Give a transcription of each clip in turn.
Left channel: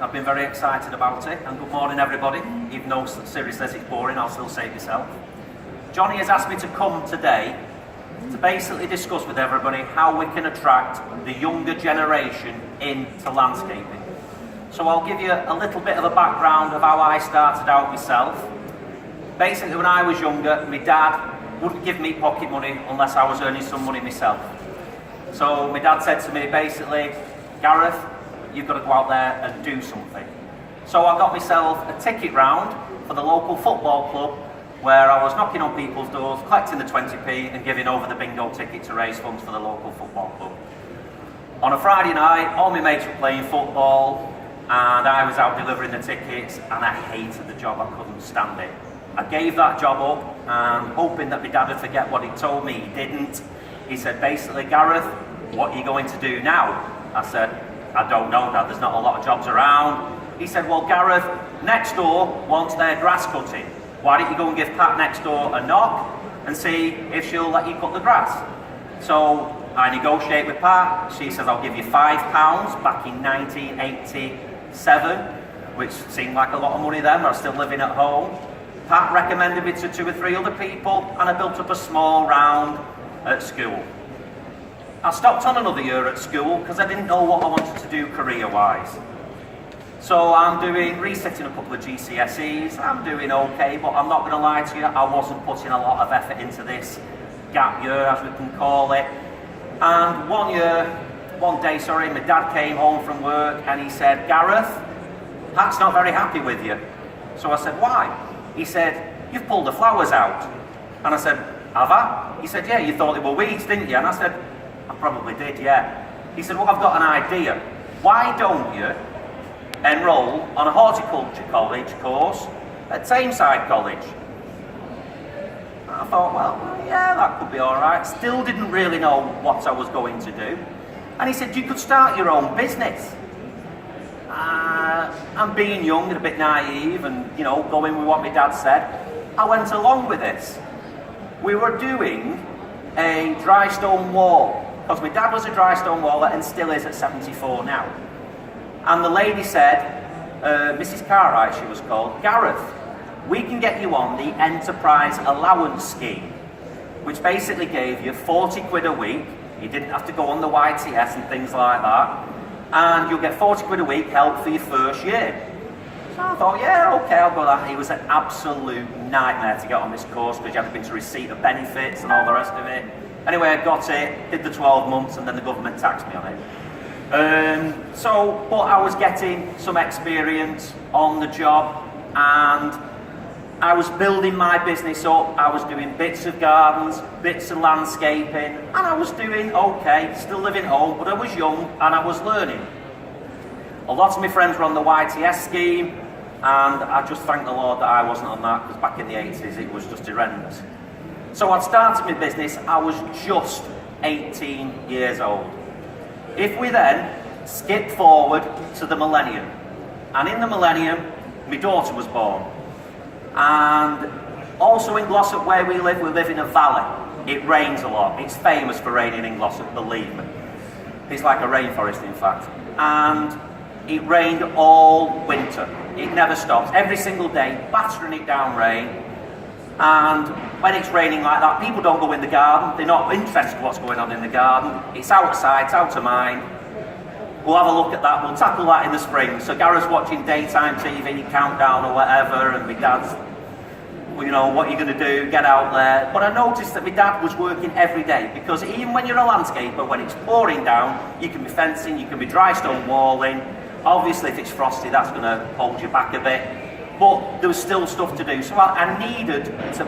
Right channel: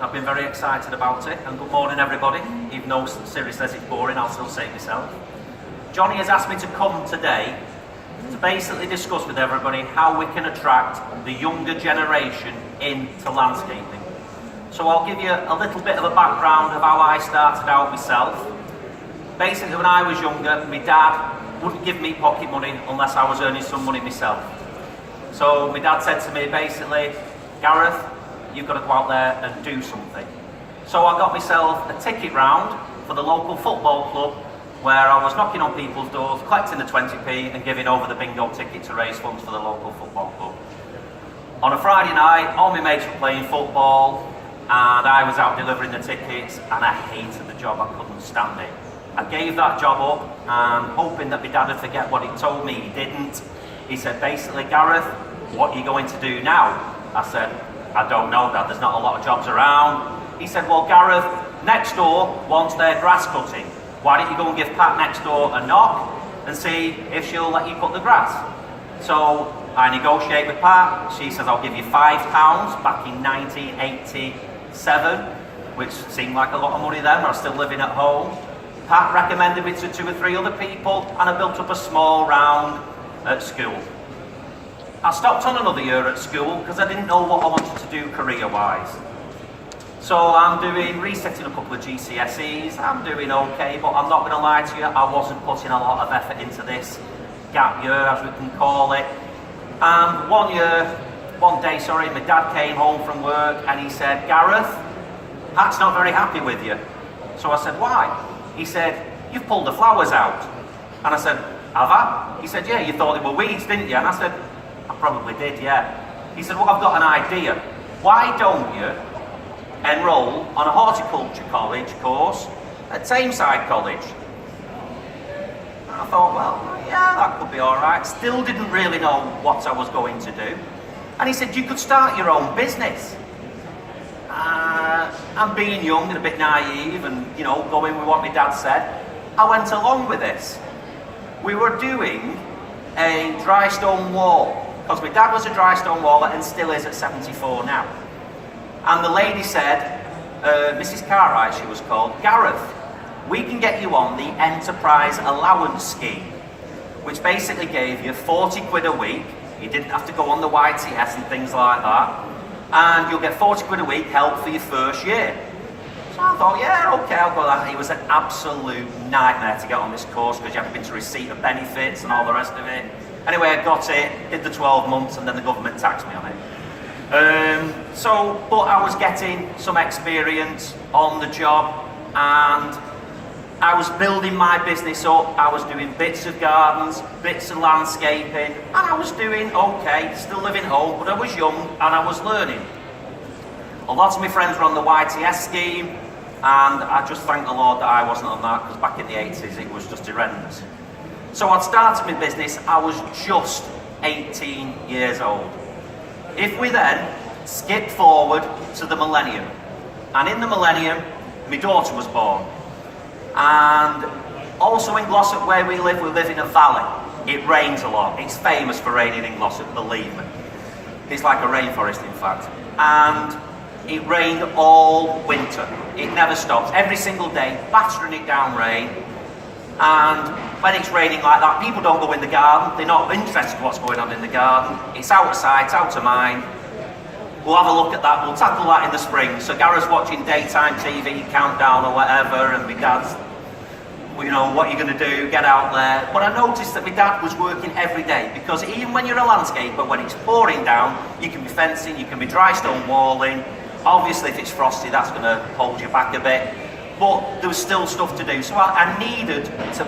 I've been very excited about it, and good morning everybody. Even though Siri says it's boring, I'll still say it myself. Johnny has asked me to come today to basically discuss with everybody how we can attract the younger generation into landscaping. So I'll give you a little bit of a background of how I started out myself. Basically, when I was younger, my dad wouldn't give me pocket money unless I was earning some money myself. So my dad said to me basically, Gareth, you've got to go out there and do something. So I got myself a ticket round for the local football club where I was knocking on people's doors, collecting the 20p and giving over the bingo ticket to raise funds for the local football club. On a Friday night, all my mates were playing football and I was out delivering the tickets, and I hated the job, I couldn't stand it. I gave that job up and hoping that my dad would forget what he told me. He didn't. He said basically, Gareth, what are you going to do now? I said, I don't know, Dad, there's not a lot of jobs around. He said, well, Gareth, next door wants their grass cutting. Why don't you go and give Pat next door a knock and see if she'll let you cut the grass? So I negotiate with Pat. She says, I'll give you £5 back in 1987, which seemed like a lot of money then. I was still living at home. Pat recommended me to 2 or 3 other people, and I built up a small round at school. I stopped on another year at school because I didn't know what I wanted to do career-wise. So I'm resetting a couple of GCSEs, I'm doing okay, but I'm not going to lie to you, I wasn't putting a lot of effort into this gap year, as we can call it. And one day, my dad came home from work and he said, Gareth, Pat's not very happy with you. So I said, why? He said, you've pulled the flowers out. And I said, have I? He said, yeah, you thought they were weeds, didn't you? And I said, I probably did, yeah. He said, well, I've got an idea. Why don't you enrol on a horticulture college course at Tameside College? I thought, well, yeah, that could be all right. Still didn't really know what I was going to do. And he said, you could start your own business. And being young and a bit naive and, going with what my dad said, I went along with this. We were doing a dry stone wall, because my dad was a dry stone waller and still is at 74 now. And the lady said, Mrs. Cartwright she was called, Gareth, we can get you on the Enterprise Allowance Scheme, which basically gave you 40 quid a week. You didn't have to go on the YTS and things like that. And you'll get 40 quid a week help for your first year. So I thought, yeah, okay, I'll go that. It was an absolute nightmare to get on this course because you had to go into receipt of benefits and all the rest of it. Anyway, I got it, did the 12 months, and then the government taxed me on it. But I was getting some experience on the job, and I was building my business up. I was doing bits of gardens, bits of landscaping, and I was doing okay, still living home, but I was young and I was learning. A lot of my friends were on the YTS scheme, and I just thank the Lord that I wasn't on that, because back in the 80s it was just horrendous. So I'd started my business, I was just 18 years old. If we then skip forward to the millennium, and in the millennium, my daughter was born. And also in Glossop where we live in a valley. It rains a lot. It's famous for raining in Glossop, believe me. It's like a rainforest, in fact. And it rained all winter. It never stops. Every single day, battering it down rain. And when it's raining like that, people don't go in the garden. They're not interested in what's going on in the garden. It's out of sight, out of mind. We'll have a look at that. We'll tackle that in the spring. So Gareth's watching daytime TV, countdown or whatever, and my dad's, what are you going to do? Get out there. But I noticed that my dad was working every day, because even when you're a landscaper, when it's pouring down, you can be fencing, you can be dry stone walling. Obviously, if it's frosty, that's going to hold you back a bit. But there was still stuff to do. So I needed to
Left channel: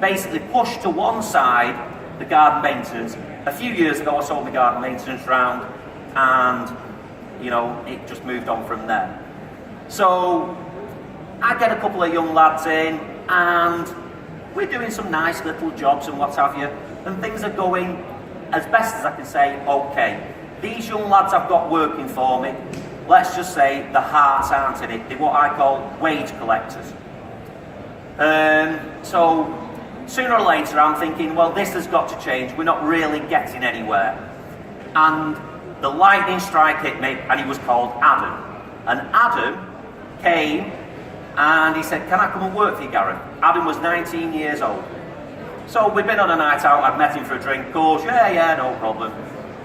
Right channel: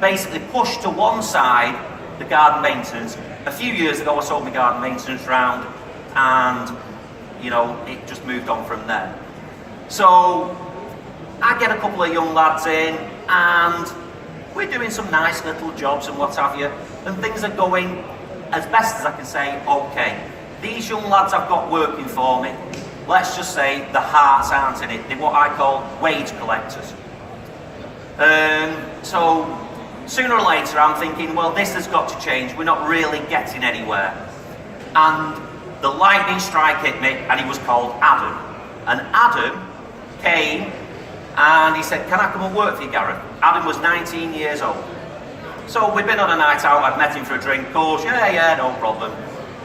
basically push to one side the garden maintenance. A few years ago, I sold my garden maintenance round, and, it just moved on from there. So I get a couple of young lads in, and we're doing some nice little jobs and what have you, and things are going, as best as I can say, okay. These young lads I've got working for me, let's just say the hearts aren't in it. They're what I call wage collectors. So sooner or later I'm thinking, well, this has got to change. We're not really getting anywhere. And the lightning strike hit me, and he was called Adam. And Adam came and he said, can I come and work for you, Gareth? Adam was 19 years old. So we'd been on a night out, I'd met him for a drink, of course, yeah, no problem.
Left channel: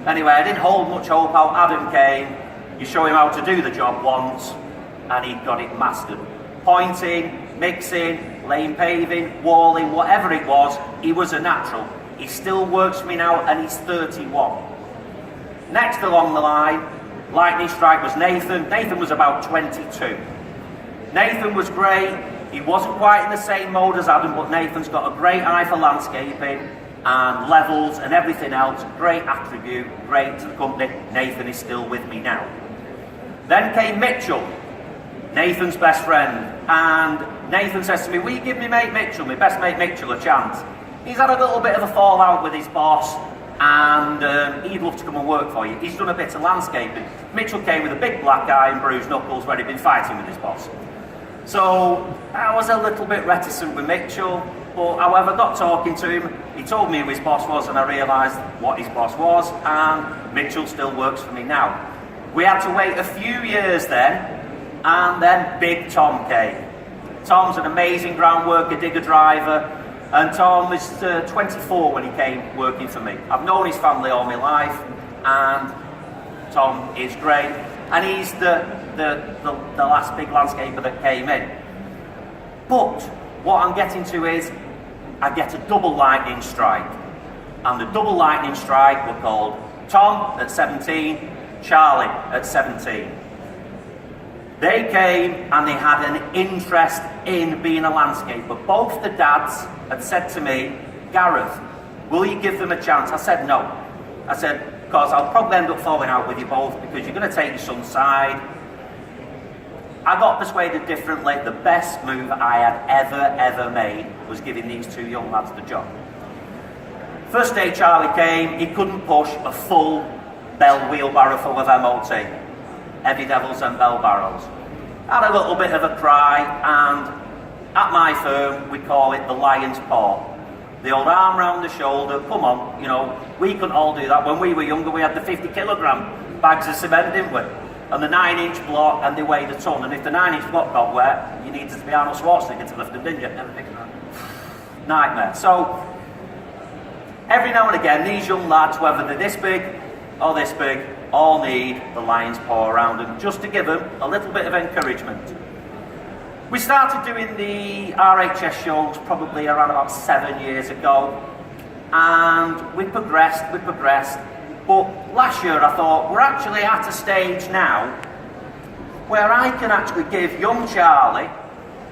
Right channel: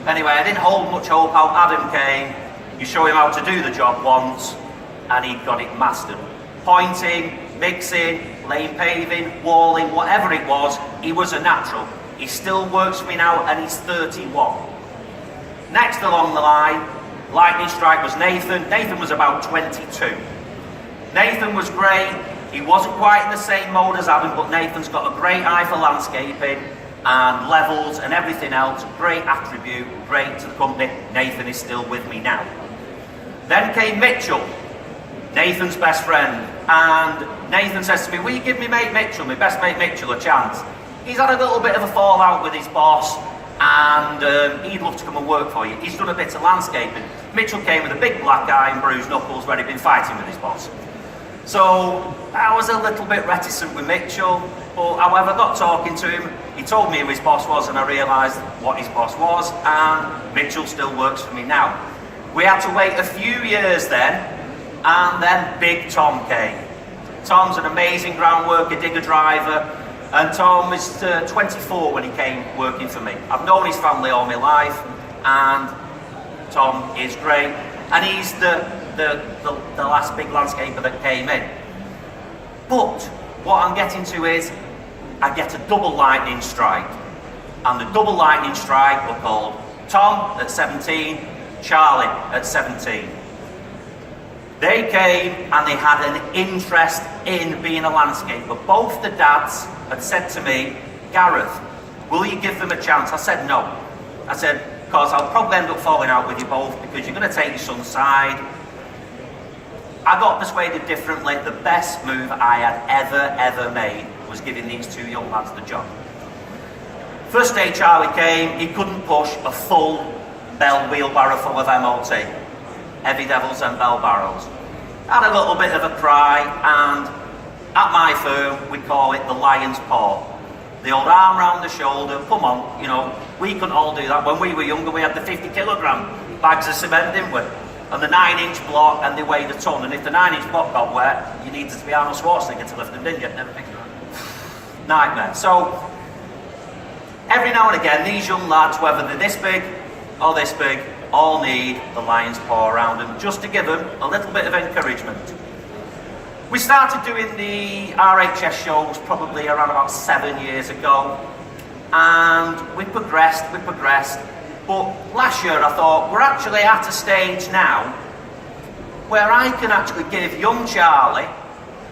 Anyway, I didn't hold much hope out. Adam came, you show him how to do the job once, and he got it mastered. Pointing, mixing, laying paving, walling, whatever it was, he was a natural. He still works for me now, and he's 31. Next along the line, lightning strike was Nathan. Nathan was about 22. Nathan was great. He wasn't quite in the same mode as Adam, but Nathan's got a great eye for landscaping and levels and everything else. Great attribute, great to the company. Nathan is still with me now. Then came Mitchell, Nathan's best friend. And Nathan says to me, will you give me mate Mitchell, my best mate Mitchell, a chance? He's had a little bit of a fallout with his boss, and he'd love to come and work for you. He's done a bit of landscaping. Mitchell came with a big black eye and bruised knuckles where he'd been fighting with his boss. So I was a little bit reticent with Mitchell, but however I got talking to him, he told me who his boss was, and I realised what his boss was, and Mitchell still works for me now. We had to wait a few years then, and then Big Tom came. Tom's an amazing ground worker, digger driver, and Tom was 24 when he came working for me. I've known his family all my life, and Tom is great, and he's the last big landscaper that came in. But what I'm getting to is, I get a double lightning strike. And the double lightning strike were called Tom at 17, Charlie at 17. They came and they had an interest in being a landscaper. Both the dads had said to me, Gareth, will you give them a chance? I said no. I said, because I'll probably end up falling out with you both because you're going to take your son's side. I got persuaded differently. The best move I had ever made was giving these two young lads the job. First day Charlie came, he couldn't push a full bell wheelbarrow full of MOT. Heavy Devils and bell barrows. Had a little bit of a cry, and at my firm we call it the lion's paw. The old arm round the shoulder, come on, you know, we couldn't all do that. When we were younger we had the 50 kilogram bags of cement, didn't we? And the 9-inch block, and they weighed a ton. And if the 9-inch block got wet, you needed to be Arnold Schwarzenegger to lift them, didn't you? Never picked it up. Nightmare. So, every now and again, these young lads, whether they're this big or this big, all need the lion's paw around them, just to give them a little bit of encouragement. We started doing the RHS shows probably around about 7 years ago, and we progressed, but last year I thought, we're actually at a stage now where I can actually give young Charlie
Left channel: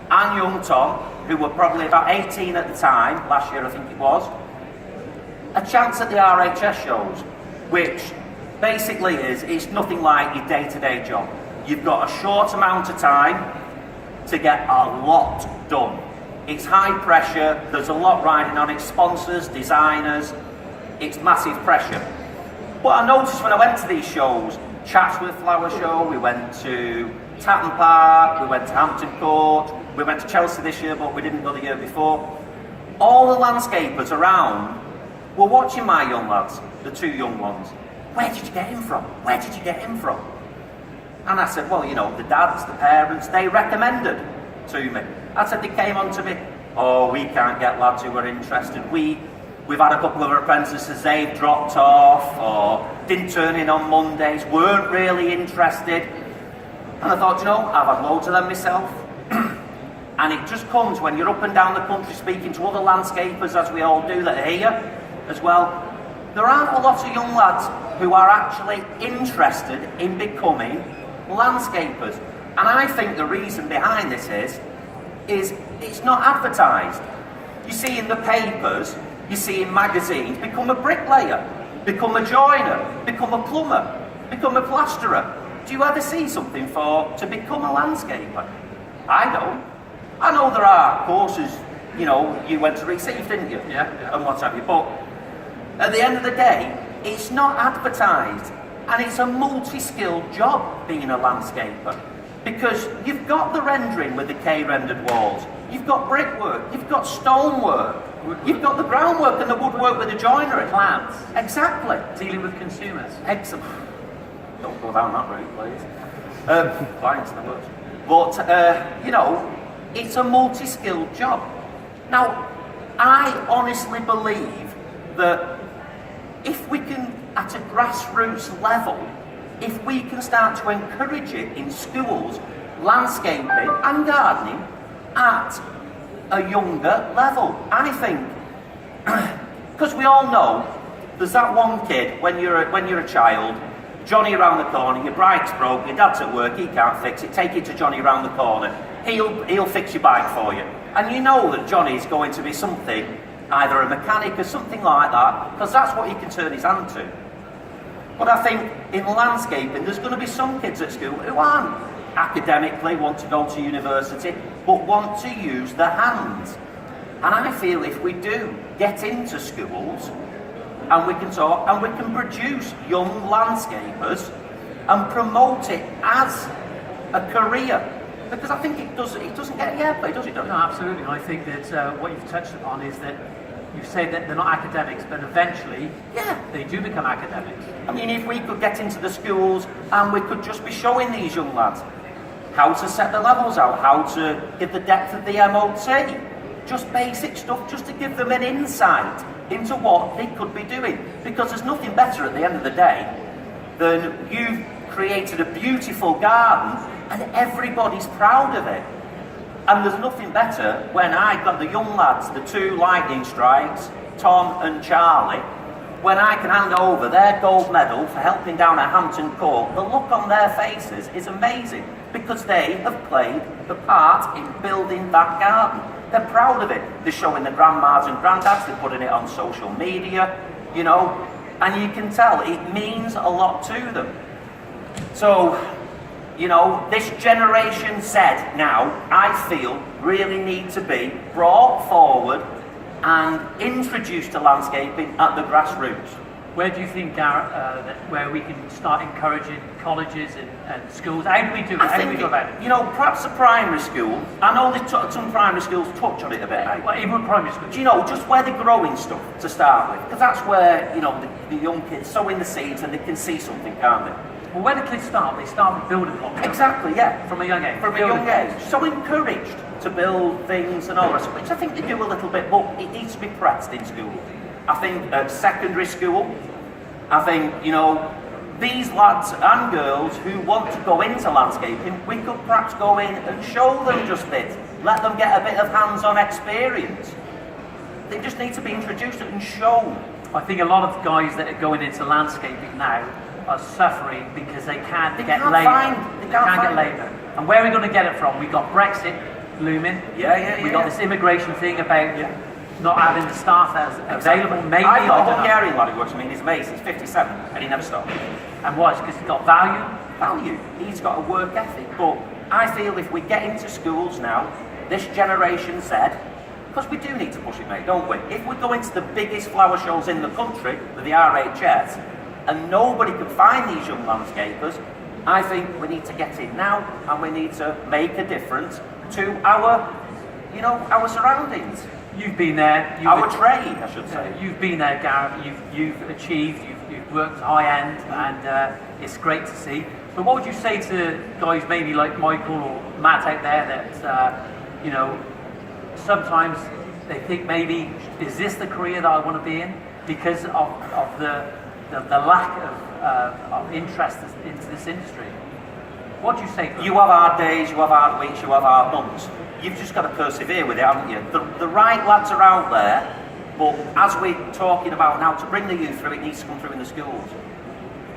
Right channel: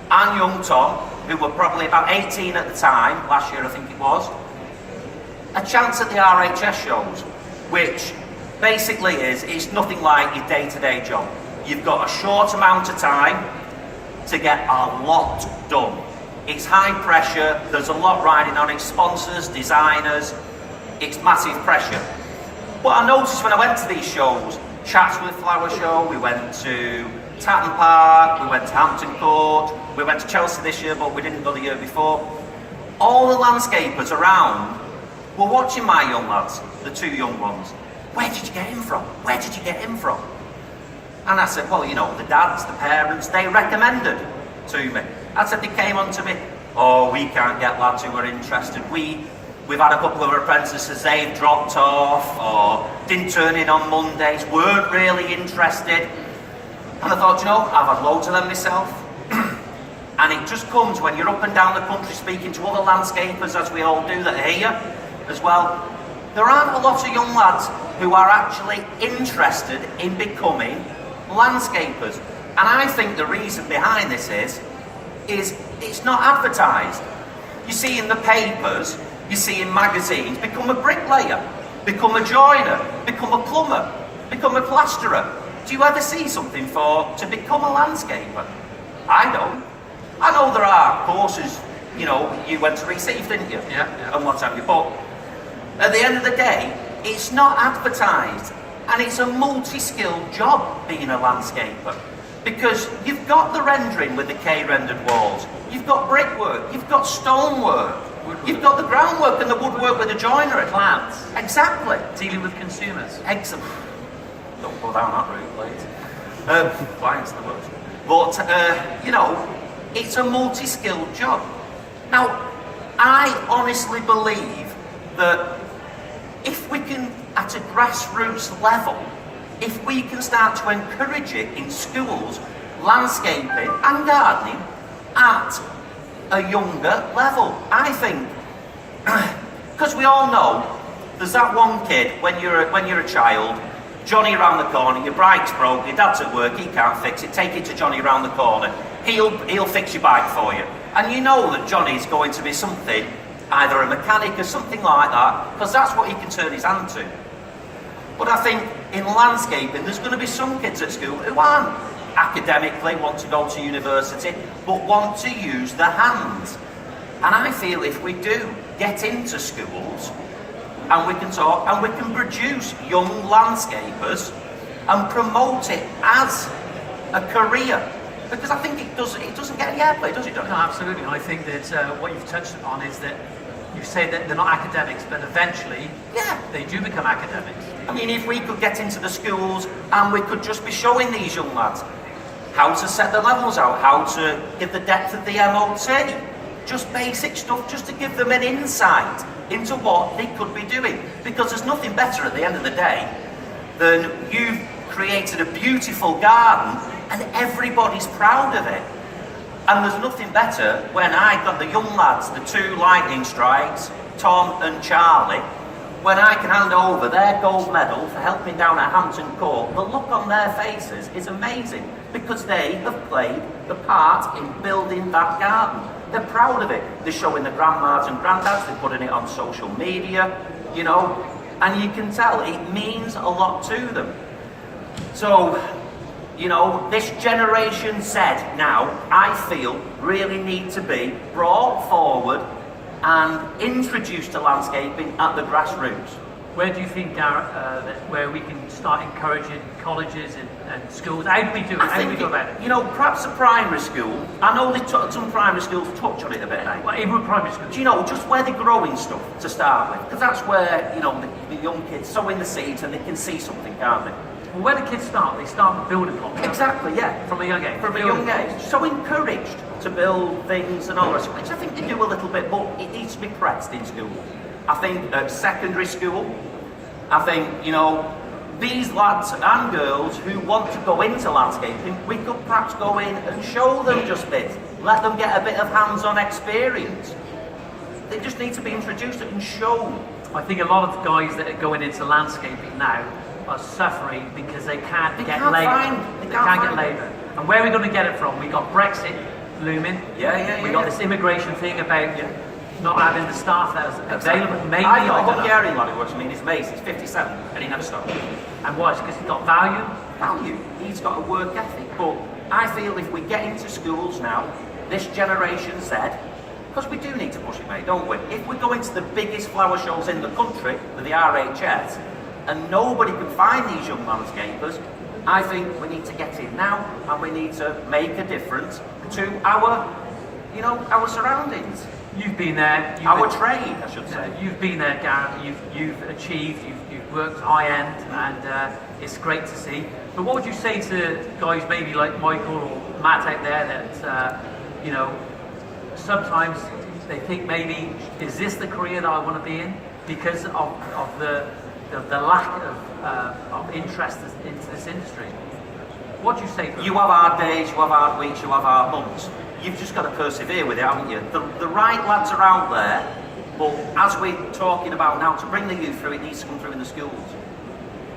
and young Tom, who were probably about 18 at the time, last year I think it was, a chance at the RHS shows, which basically it's nothing like your day-to-day job. You've got a short amount of time to get a lot done. It's high pressure, there's a lot riding on it, sponsors, designers, it's massive pressure. But I noticed when I went to these shows, Chatsworth Flower Show, we went to Tatton Park, we went to Hampton Court, we went to Chelsea this year, but we didn't go the year before. All the landscapers around were watching my young lads, the two young ones. Where did you get him from? Where did you get him from? And I said, well, you know, the dads, the parents, they recommended to me. I said, they came on to me, oh, we can't get lads who are interested. We've had a couple of apprentices, they've dropped off or didn't turn in on Mondays, weren't really interested. And I thought, you know, I've had loads of them myself. And it just comes when you're up and down the country speaking to other landscapers, as we all do that are here as well. There aren't a lot of young lads who are actually interested in becoming landscapers. And I think the reason behind this is it's not advertised. You see in the papers, you see in magazines, become a bricklayer, become a joiner, become a plumber, become a plasterer. Do you ever see something to become a landscaper? I don't. I know there are courses, you know, you went to receive, didn't you? Yeah. And what have you, but at the end of the day, it's not advertised, and it's a multi-skilled job being a landscaper, because you've got the rendering with the K-rendered walls, you've got brickwork, you've got stonework, you've got the groundwork and the woodwork with the joinery. Plants. Exactly. Dealing with consumers. Excellent. Don't go down that route, please. Flying's the worst. But, you know, it's a multi-skilled job. Now, I honestly believe that if we can, at a grassroots level, if we can start to encourage it in schools, landscaping and gardening at a younger level, I think, because we all know there's that one kid when you're a child, Johnny around the corner, your bike's broke, your dad's at work, he can't fix it, take it to Johnny around the corner, he'll fix your bike for you. And you know that Johnny's going to be something, either a mechanic or something like that, because that's what he can turn his hand to. But I think in landscaping, there's going to be some kids at school who aren't academically, want to go to university, but want to use their hands. And I feel if we do get into schools, and we can talk, and we can produce young landscapers, and promote it as a career, because I think it doesn't get any airplay, does it? No, absolutely. I think that what you've touched on is that you say that they're not academics, but eventually they do become academics. I mean, if we could get into the schools and we could just be showing these young lads how to set the levels out, how to give the depth of the MOT, just basic stuff, just to give them an insight into what they could be doing. Because there's nothing better at the end of the day than you've created a beautiful garden and everybody's proud of it. And there's nothing better when I got the young lads, the two lightning strikes, Tom and Charlie, when I can hand over their gold medal for helping down at Hampton Court, the look on their faces is amazing, because they have played the part in building that garden. They're proud of it. They're showing their grandmas and granddads, they're putting it on social media, you know, and you can tell it means a lot to them. So, you know, this Generation Z now, I feel, really need to be brought forward and introduced to landscaping at the grassroots. Where do you think, Gareth, where we can start encouraging colleges and schools? How do we do it? How do we go about it? You know, perhaps a primary school. I know some primary schools touch on it a bit. Well, even primary school. Do you know, just where they're growing stuff to start with? Because that's where, you know, the young kids sowing the seeds and they can see something, can't they? Well, when the kids start, they start with building blocks. Exactly, yeah. From a young age. From a young age. So encouraged to build things and all that, which I think they do a little bit, but it needs to be pressed in school. I think at secondary school, I think, you know, these lads and girls who want to go into landscaping, we could perhaps go in and show them just this. Let them get a bit of hands-on experience. They just need to be introduced and shown. I think a lot of guys that are going into landscaping now are suffering because they can't get labour. They can't get labour. And where are we going to get it from? We've got Brexit looming. Yeah. We've got this immigration thing about not having the staff that's available. Maybe I've got a Hungarian lad who works for me in his mates. He's 57 and he never stops. And why? Because he's got value. Value. He's got a work ethic. But I feel if we get into schools now, this Generation Z, because we do need to push it, mate, don't we? If we go into the biggest flower shows in the country with the RHS, and nobody can find these young landscapers, I think we need to get in now, and we need to make a difference to our, you know, our surroundings. You've been there. Our trade, I should say. You've been there, Gareth. You've achieved. You've worked high end, and it's great to see. But what would you say to guys maybe like Michael or Matt out there that you know, sometimes they think maybe, is this the career that I want to be in, because of the lack of interest into this industry? What do you say? You have hard days, you have hard weeks, you have hard months. You've just got to persevere with it, haven't you? The right lads are out there, but as we're talking about now, to bring the youth through, it needs to come through in the schools.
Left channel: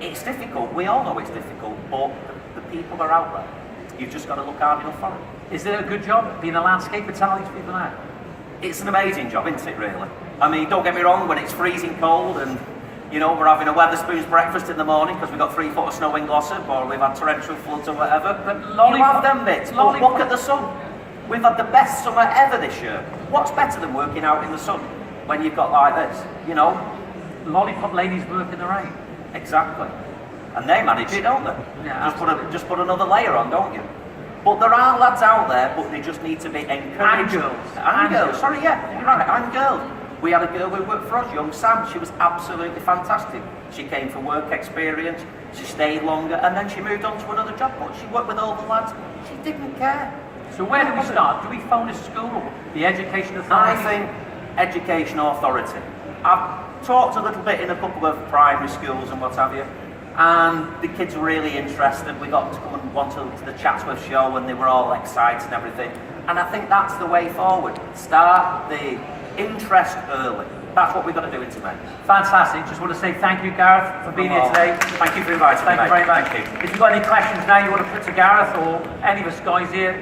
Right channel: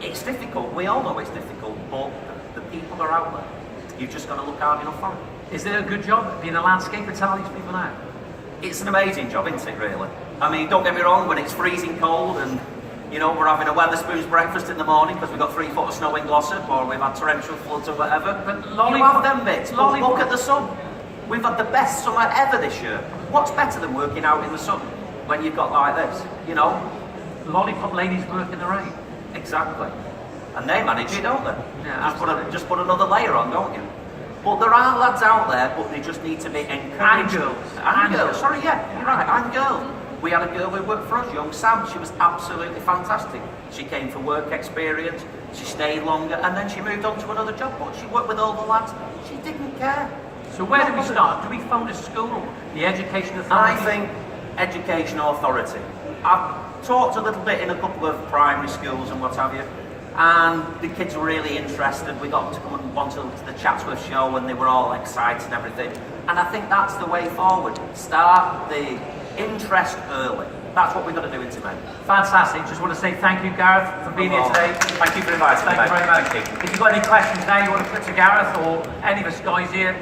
It's difficult, we all know it's difficult, but the people are out there. You've just got to look hard enough for it. Is it a good job being a landscaper, tell these people out? It's an amazing job, isn't it, really? I mean, don't get me wrong, when it's freezing cold and, you know, we're having a Wetherspoons breakfast in the morning because we've got 3 foot of snow in Glossop, or we've had torrential floods or whatever. But you have them bits, but look at the sun. We've had the best summer ever this year. What's better than working out in the sun when you've got like this, you know? Lollipop ladies work in the rain. Exactly. And they manage it, don't they? Yeah, just put another layer on, don't you? But there are lads out there, but they just need to be encouraged. And girls. And girls. Sorry, yeah, you're right, and girls. We had a girl who worked for us, young Sam. She was absolutely fantastic. She came for work experience, she stayed longer, and then she moved on to another job, but she worked with all the lads. She didn't care. So where do we start? Do we phone a school or the education authority? I think education authority. I've talked a little bit in a couple of primary schools and what have you, and the kids were really interested. We got to come and want to the Chatsworth show, and they were all excited and everything. And I think that's the way forward. Start the interest early. That's what we've got to do in May. Fantastic. Just want to say thank you, Gareth, for being here today. Thank you for inviting me. Thank you very much. Thank you. If you've got any questions now you want to put to Gareth or any of us guys here,